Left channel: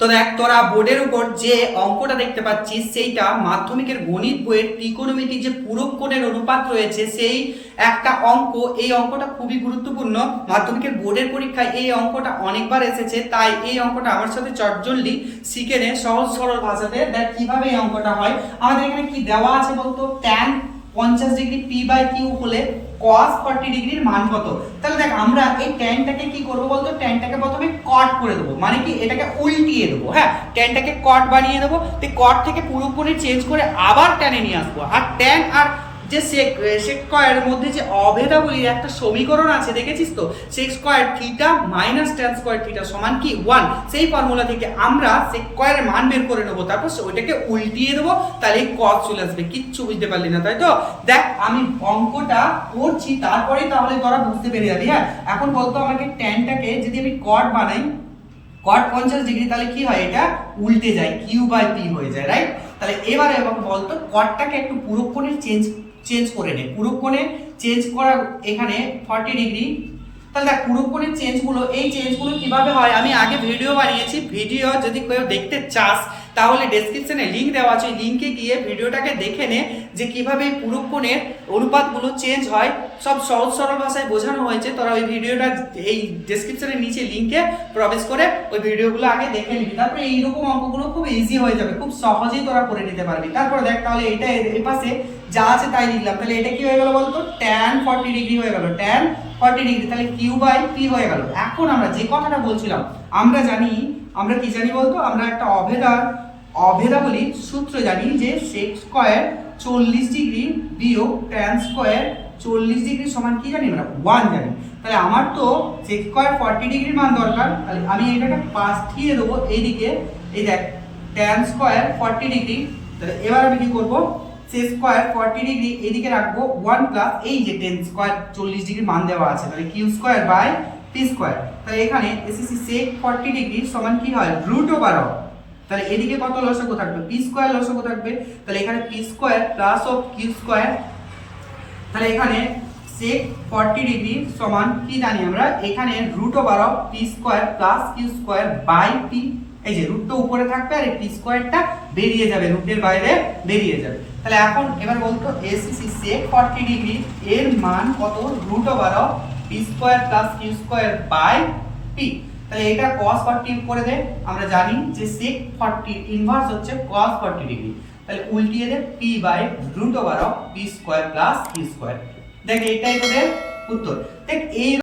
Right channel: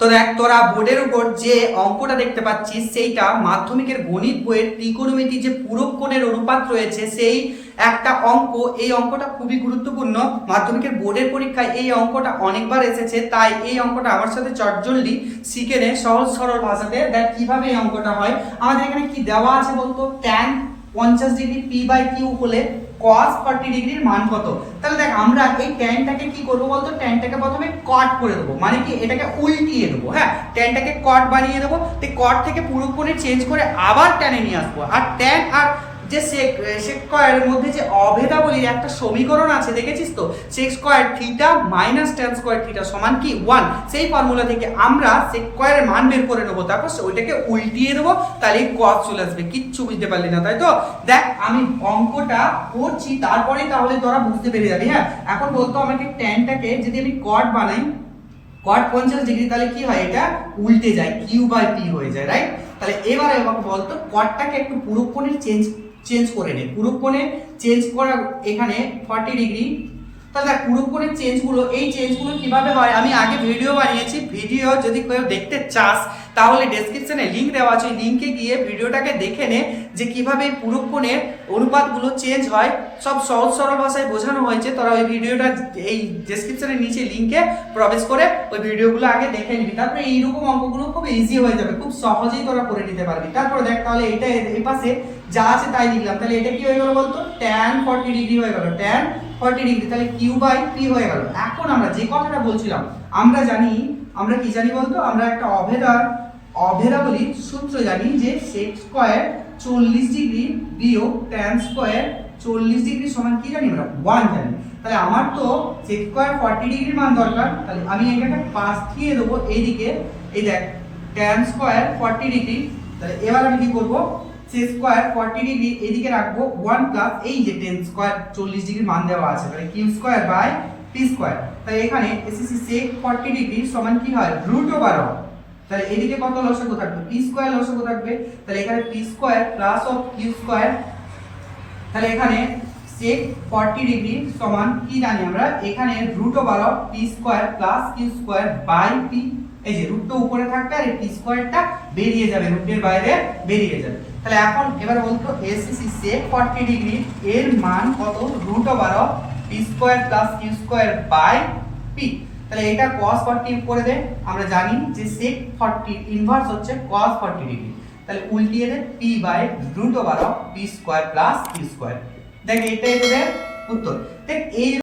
তো দেখ তোরা বোর্ডের উপর যে অঙ্কটা দেখতে পাচ্ছিস সেইটা মাধ্যমিকের গণিত বইয়ের ত্রিকোণমিতি যে পূরক কোণের অনুপাত রয়েছে সেই একটা অঙ্ক। এই অঙ্কটা খুবই গুরুত্বপূর্ণ, মাধ্যমিকের বোর্ডের পরীক্ষায় এই অঙ্কটা অনেকবার এসেছে, তাই এই অঙ্কটা আমার সাথে চটজলদি শিখে নে সহজ সরল ভাষাতে। দেখ কিভাবে এই অঙ্কটা হয়। আমাদের এখানে কি দেওয়া আছে বলতো, tan 50 degree P by Q হলে cos 40 ডিগ্রির মান কত। তাহলে দেখ আমরা এই ট্যানটাকে কি করব বলতো, ট্যানটাকে প্রথমে কট করে দেবো, মানে কি এটাকে উল্টিয়ে দেবো। হ্যাঁ, ট্যানটাকে কট বানিয়ে দেবো, তো কট থেকে পুরো কোণে চেঞ্জ করে আবার ট্যানে নিয়ে আসবো। আর ট্যান আর যে সেক স্কয়ারের মধ্যে যে অভেদাবলীর একটা সমীকরণ আছে দেখেছিস তো, sec square theta minus tan square theta সমান কি 1। সেই ফর্মুলা থেকে আমরা সেক স্কয়ারের মান বের করে নেবো, তারপর ওইটাকে উল্টিয়ে দেবো, তাহলে কস চলে আসবে। কিচ্ছু বুঝতে পারলি না তাই তো? দেখ আমি অঙ্কটা করছি তারপরেই তাহলে তোরা বুঝতে পেরে যাবি। হ্যাঁ, এখন বলতো আমাকে ট্যানটাকে যদি আমি কট বানাই, কট 50 ডিগ্রি, তাহলে কি হয়, এটা উল্টে যায়, কিউ বাই পি হয়ে যায়, রাইট? তাহলে এবারে আমাকে বলতো কটটাকে একটু পুরো কোণে চেঞ্জ করে নে। পুরো কোণে চেঞ্জ করা এখানে 40 ডিগ্রি। তাহলে দেখ পুরো কোণের চেঞ্জগুলো, এই চেঞ্জগুলো কিভাবে হয় আমি আগে ভিডিও বানিয়েছি। ভিডিও যদি কেউ দেখতে চাস তাহলে ডেসক্রিপশনে লিঙ্ক দেওয়া আছে, ওই লিঙ্কে গিয়ে ভিডিওটাকে দেখে নে যে কিভাবে এই পুরো কোণের অনুপাতগুলো চেঞ্জ হয়। সব সহজ সরল ভাষায় বোঝানো হয়েছে, তোরা ওই ভিডিওটা এই ডেসক্রিপশনের নিচে লিঙ্কে প্রবেশ করে ওই ভিডিওগুলো আগে দেখে নিবি। তারপরে এইরকম অঙ্কগুলো খুব ইজি হয়ে যাবে, খুব সহজেই তোরা করে নিতে পারবি। তারপরে দেখ তাহলে এটা এর পাশে যা আছে তাই লিখলাম, তাহলে এটা কি হয়ে গেল বলতো, ট্যান 40 ডিগ্রি হয়ে গেল, ট্যান 40 ডিগ্রি, তাহলে কিউ বাই পি হয়ে গেল। এখন আমরা যে কথাটা বলছিলাম, আমরা জানি, আমরা কি জানি বলতো, আমরা একটা অভেদাবলীর সূত্র জানি যে সেক স্কয়ার 40 ডিগ্রি বিয়োগ ট্যান স্কয়ার 40 ডিগ্রি সমান কি জানি আমরা 1 জানি। তাহলে আমার তো সেক স্কয়ার 40 ডিগ্রির মান দরকার, তাহলে আমি এটাকে পাঠিয়ে দেবো এইদিকে। এই দেখ ট্যান স্কয়ার 40 ডিগ্রি, তাহলে এবার আমি কি করবো, সেক স্কয়ার 40 ডিগ্রি এদিকে রাখবো 1 প্লাস এই যে ট্যান স্কয়ার 40 ডিগ্রির মান দেওয়া আছে, তাহলে Q square by P square. তাহলে এখানে এসএসসি সেক 40 ডিগ্রি সমান কি হয়, রুট ওভার অফ, তাহলে এদিকে কত লসাগু থাকবে, পি স্কয়ার লসাগু থাকবে। তাহলে এখানে P square plus of Q square, তাহলে এখানে sec 40 ডিগ্রি সমান কি জানি আমরা, এখানে root over of P square plus Q square by P. এই যে রুটটা উপরে থাকবে আর এই পি স্কয়ারটা বেরিয়ে যাবে, রুটের বাইরে বেরিয়ে যাবে। তাহলে এখন এবার বলতো এসিসি sec 40 ডিগ্রি এর মান কত, root over of P square plus Q square by P. তাহলে এটা cos 40 করে দে, আমরা জানি যে sec 40 ইনভার্স হচ্ছে cos 40 ডিগ্রি, তাহলে উল্টিয়ে দে p by root over of p square plus q square. দেখ এটাই তোদের উত্তর। দেখ এই